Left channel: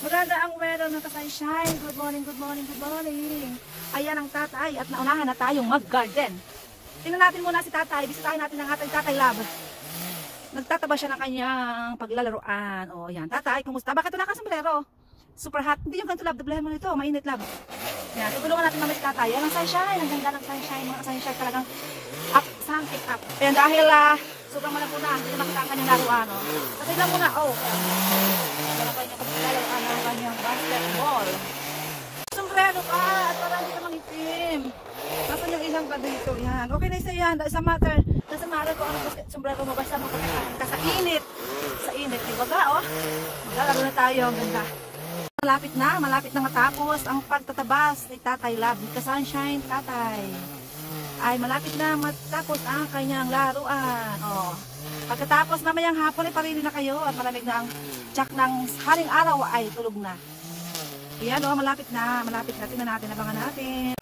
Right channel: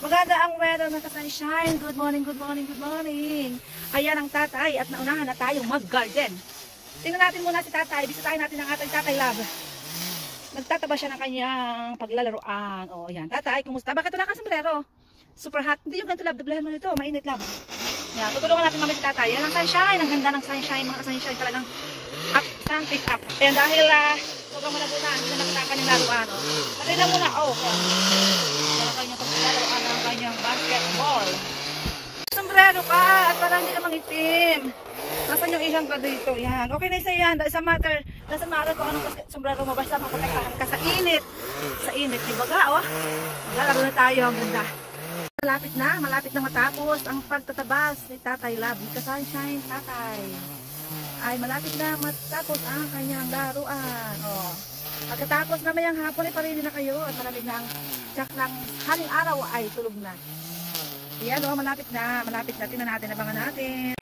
Maganda ang weather ng sunshine. Good morning, good morning, good morning. Ayan ang tatay at naunahan na tayong mag-garden. Tingnan natin muna si tatay. Bisitahin natin ang ating tatay love. Nagtataba siya ng kanyang paglalaruan. O, yan. Tatay, kumusta? Bakit wala ka sombrero? Super hot. Hindi yung ganito love. Doblehan mo nito. Mainit love. Yan. Tutulungan natin mamaya si tatay. Yan ang sunshine. Ang ganda ng sunshine. Mga sunshine talagang up. Sun pick up. Ayan dahil sobrang malamig na. Nakita ka ng laruan. Patay lang muna. Oh. Wala kanyang paglalaruan. Ang kanyang basketball. Sombrero ka. At parang hindi namang itim. Nasaan yung ilang ka dito? Yan. Okay na isa yan. Sa matter. Nasa matter ko anong sombrero mo. Basta maprotektahan ka sa init. Sa init. Diba ka? Oh. Lalaro na tayo. Ang ganda. Malapit na matapos ang pagtatabas ni Tatay Love. Dito sunshine, tatay. Ay, malapit na matapos ang kanyang laruan. Oh. Pagkatapos mamayang hapon ay parili na kayo at malamig na ang tsak ng haring araw ay tulog na. Ayan, oh, malapit na. Tingnan natin, abangan natin.